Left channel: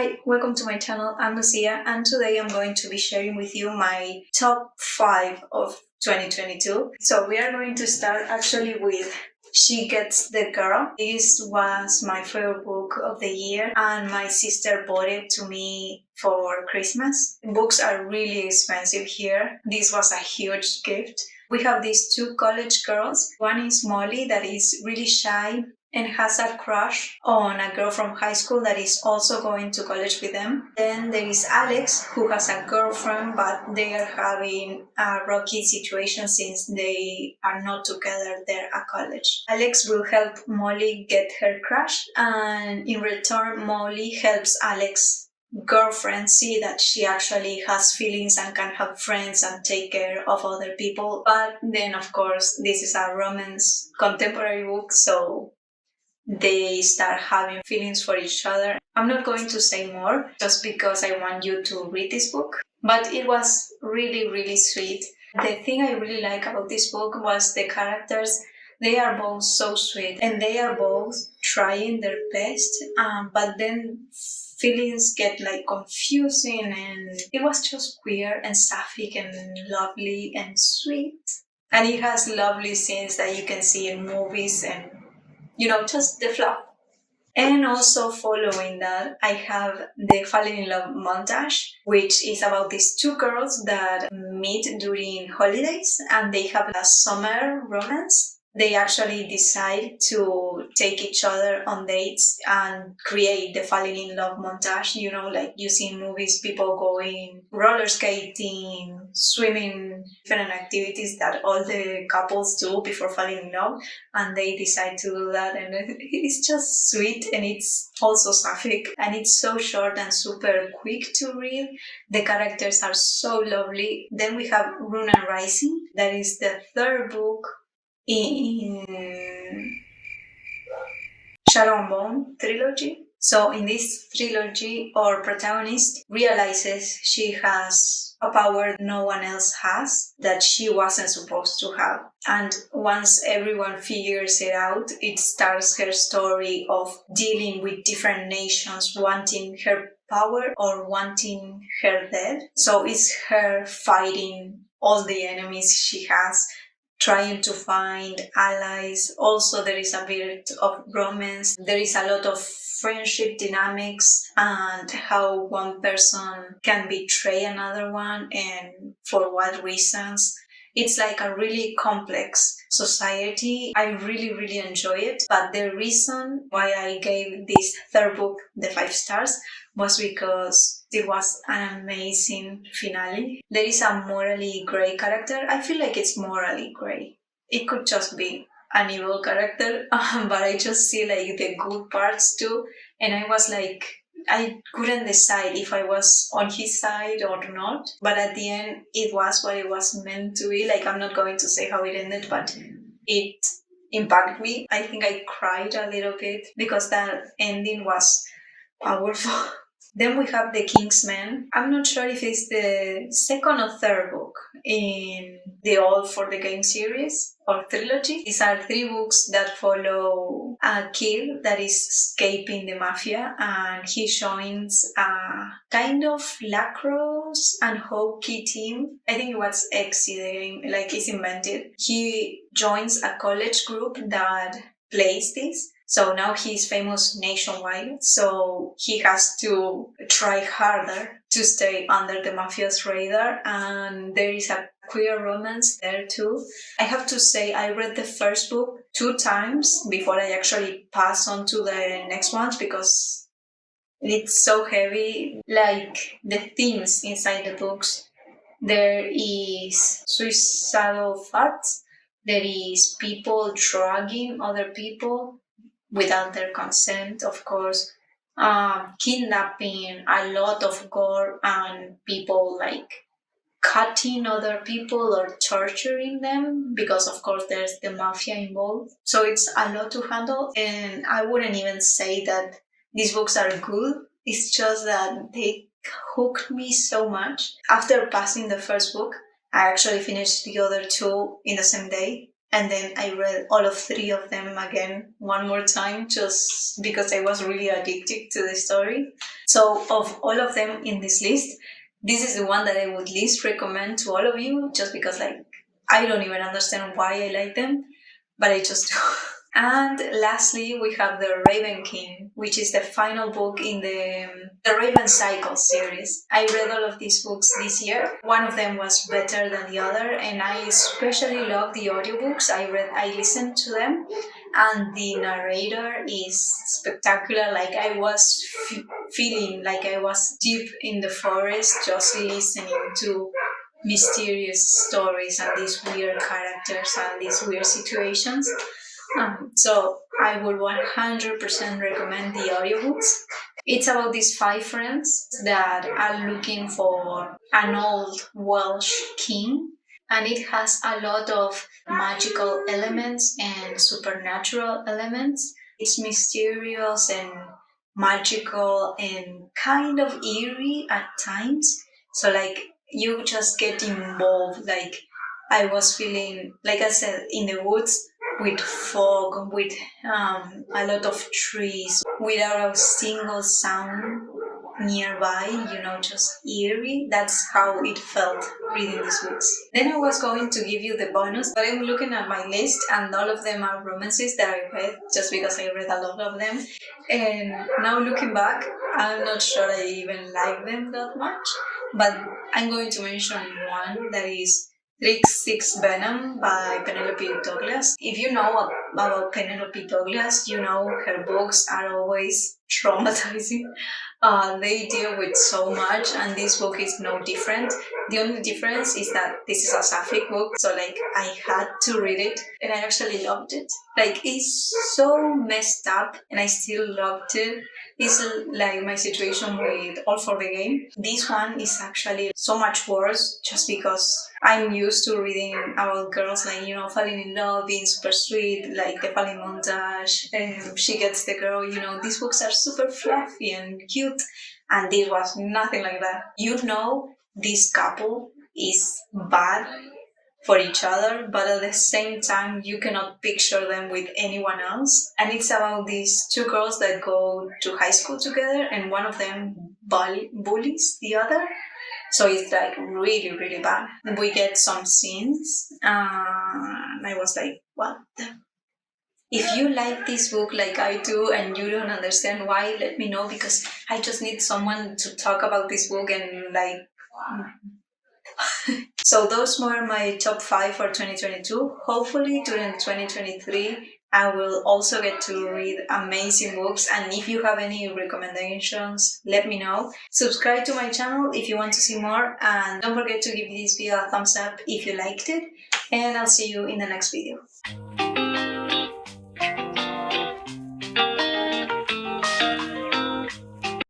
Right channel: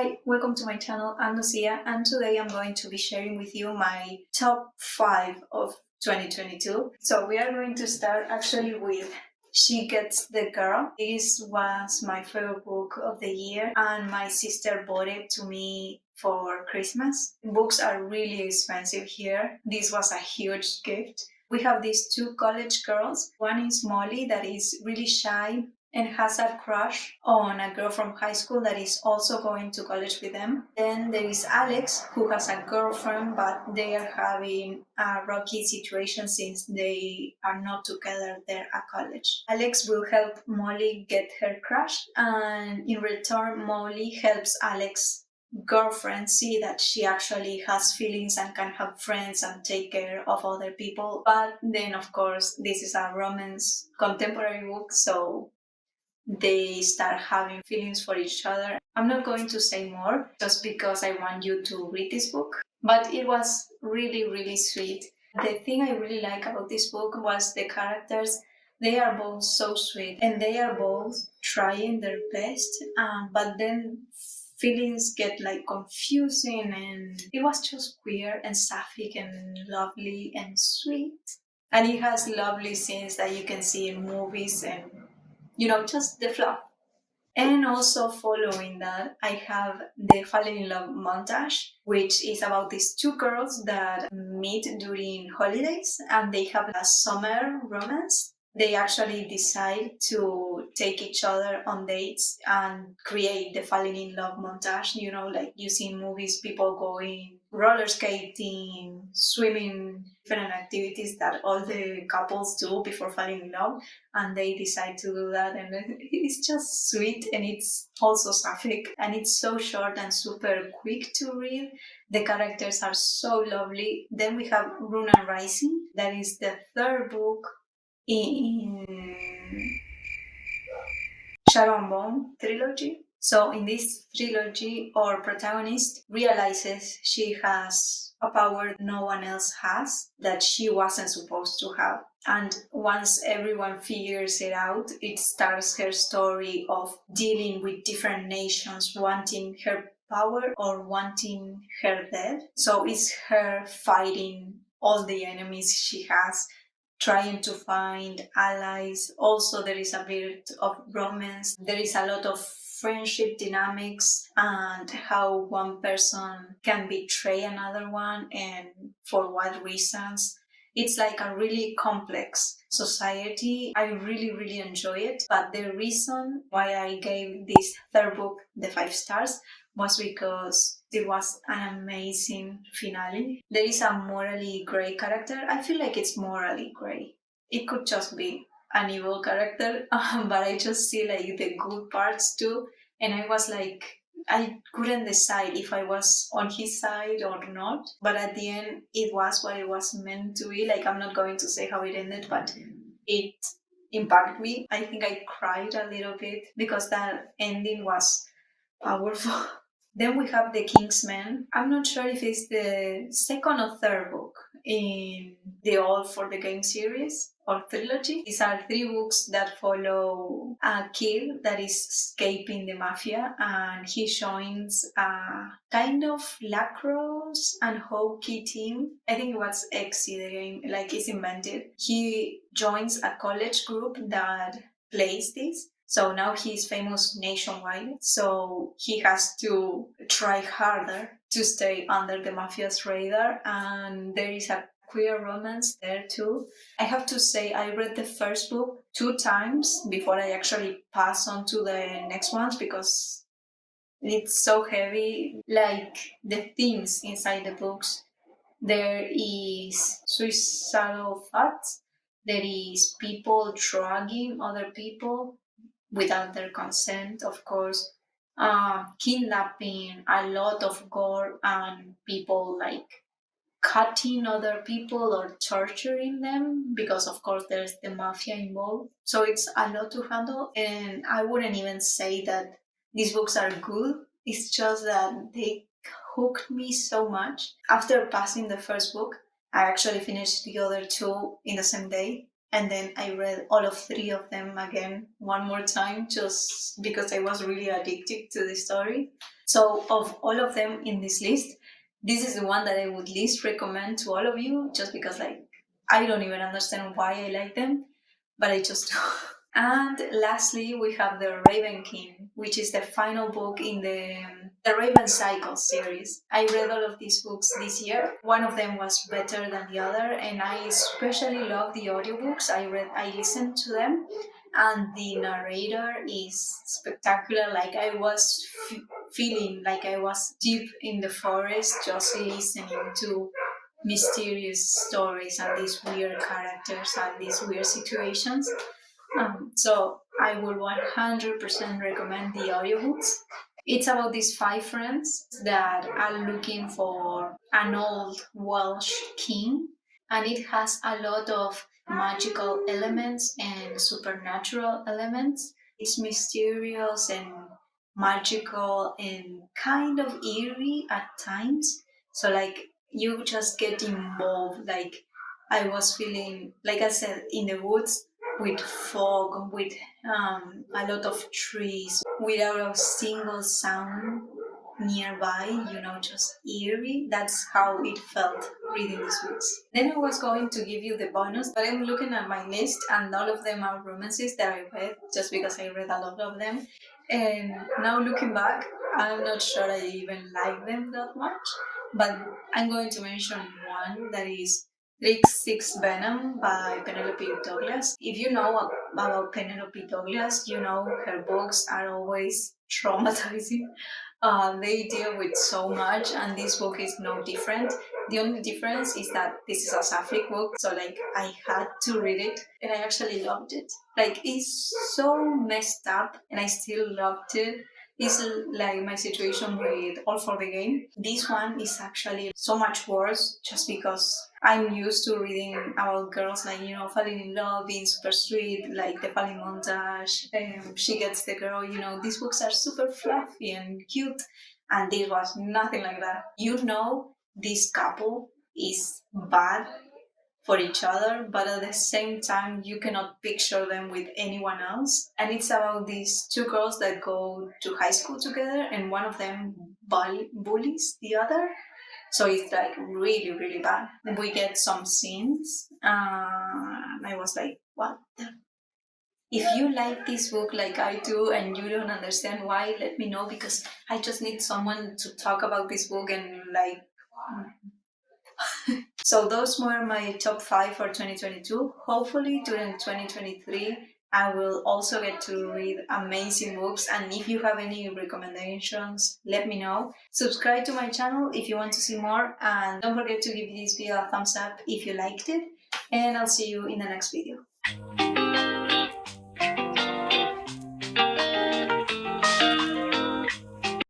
Hi, welcome to my channel. I'm Lucia, and today I'm going to be sharing with you my top 5 of 2022. So we are going to start actually with She Gets the Girl. This was my favorite book of the year, and my sister bought it to me for Christmas. Books are really expensive here. This was a huge gift. We have these two college girls. One is Molly, that is really shy and has a crush on a girl from high school that is also going to college with them. Then there is Alex, who has a girlfriend, but they are having a rocky situation since they are not together there at college. Alex will help Molly get her crush, and in return, Molly helps Alex girlfriend see that she actually has feelings and can have friends and take care of other people. But then, of course, this is a romance contemporary book, so they start having feelings for each other. I'm not going to say more just because I want you to read this book, but it was really, really sweet. The thing I really like about this book was the characters. They are both so sweet and they are both trying their best, but then feelings get like confusing, and it was just queer and sapphic and lovely and sweet. And it has lovely scenes that you can see in movies and just the flow. And also following that, I have the Falling in Love montage, which is about these two girls that meet during holidays and they have a summer romance. They actually decide to take each other on dates and create the falling in love montage. Like you see in movies, people going roller skating, swimming, different activities that all the couples do before falling in love, and they decide to do that, and it's just sweet, and it's also sapphic, and it's so short and super quick to read. The characters are so lovely. Then we have Runa Rising, that is the third book in Shadow and Bone trilogy. So in this trilogy, our protagonist realizes she has a power no one else has that she wasn't supposed to have. And once everyone figures it out, it starts her story of dealing with different nations wanting her power or wanting her dead. So it's her fighting all the enemies she has, trying to find allies. Also, there is a bit of romance. There is a lot of friendship dynamics and how one person can betray another one and for what reasons. It's like a really complex society. I really, really enjoy it. But the reason why I gave this third book the 5 stars was because it was an amazing finale. There is a morally grey character. I feel like it's morally grey. It could just be an evil character, but I just see like the good parts too. And I was like, I couldn't decide if I was on his side or not. But at the end, it was what it was meant to be. Like, I'm not going to say how it ended, but it impacted me. I think I cried a little bit because that ending was powerful. Then we have The Kingsman. I'm not sure if it's the second or third book in the All for the Game series or trilogy. These are 3 books that follow a kid that is escaping the mafia, and he joins a kind of lacrosse and hockey team. I think it was Exy, the game, like it's invented. He joins a college group that plays this. So now he's famous nationwide, so he has to try harder to stay under the mafia's radar, and there is a queer romance there too. I have to say, I read the first book 2 times before I actually pass on to the next ones because it's so heavy. Like the themes inside the books, there is suicidal thoughts, there is people drugging other people without their consent, of course. Kidnapping, a lot of gore, and people like cutting other people or torturing them because, of course, there's the mafia involved. So it's a lot to handle, and I wouldn't even say that these books are good. It's just that they hooked me so much. After passing the first book, I actually finished the other 2 in the same day. And then I read all of 3 of them again one more time just because I was really addicted to the story. So, of all of them in this list, this is the one that I would least recommend to all of you just because, like, I don't even understand why I like them, but I just do. And lastly, we have The Raven King, which is the final book in the Raven Cycle series. I read all of these books this year. One of them was better than the other, and I especially love the audiobooks. I listened to them, and the narrator is spectacular. Like I was feeling like I was deep in the forest, just listening to mysterious stories and these weird characters and these weird situations. So I would 100% recommend the audiobooks. It's about these 5 friends that are looking for an old Welsh king, and it has a lot of magical elements and supernatural elements. It's mysterious and magical and kind of eerie at times. So, like, you just get involved. Like, I was feeling, like I said, in the woods with fog, with a lot of trees, without a single sound nearby, just eerie. That's how it felt reading these books. Then I was going to give you the bonus, but I'm looking at my list and all of them are romances that I read just because I read a lot of them. And now looking back, I'm not sure I even like them that much, but I'm going to mention one that is tryst Venom by Penelope Douglas. If you know about Penelope Douglas, you know her books are always traumatizing. They deal with so much, and this book is no different. The only difference is that this is a sapphic book, so like I had to read it, and I actually loved it. Like it's so messed up, and I still loved it. It's like my situation with All for the Game. This one is actually so much worse just because I'm used to reading about girls like, falling in love, being super sweet, like the falling montage, and she gets the girl, these books are super fluffy and cute. And this was nothing like that. This couple is bad for each other, but at the same time, you cannot picture them with anyone else. And it's about these 2 girls that go to high school together, and one of them bullies the other. So it's like really, really bad. We get some scenes, and I was like, what the? If you like this book like I do and you don't understand why, let me know because I just need someone to talk about this book and like. So those were my top 5 for 2022. Hopefully during 2023, I will also get to read amazing books, and if you have any recommendations, let me know. Subscribe to my channel if you want to see more, and don't forget to give this video a thumbs up if you liked it, and I'll see you in the next video.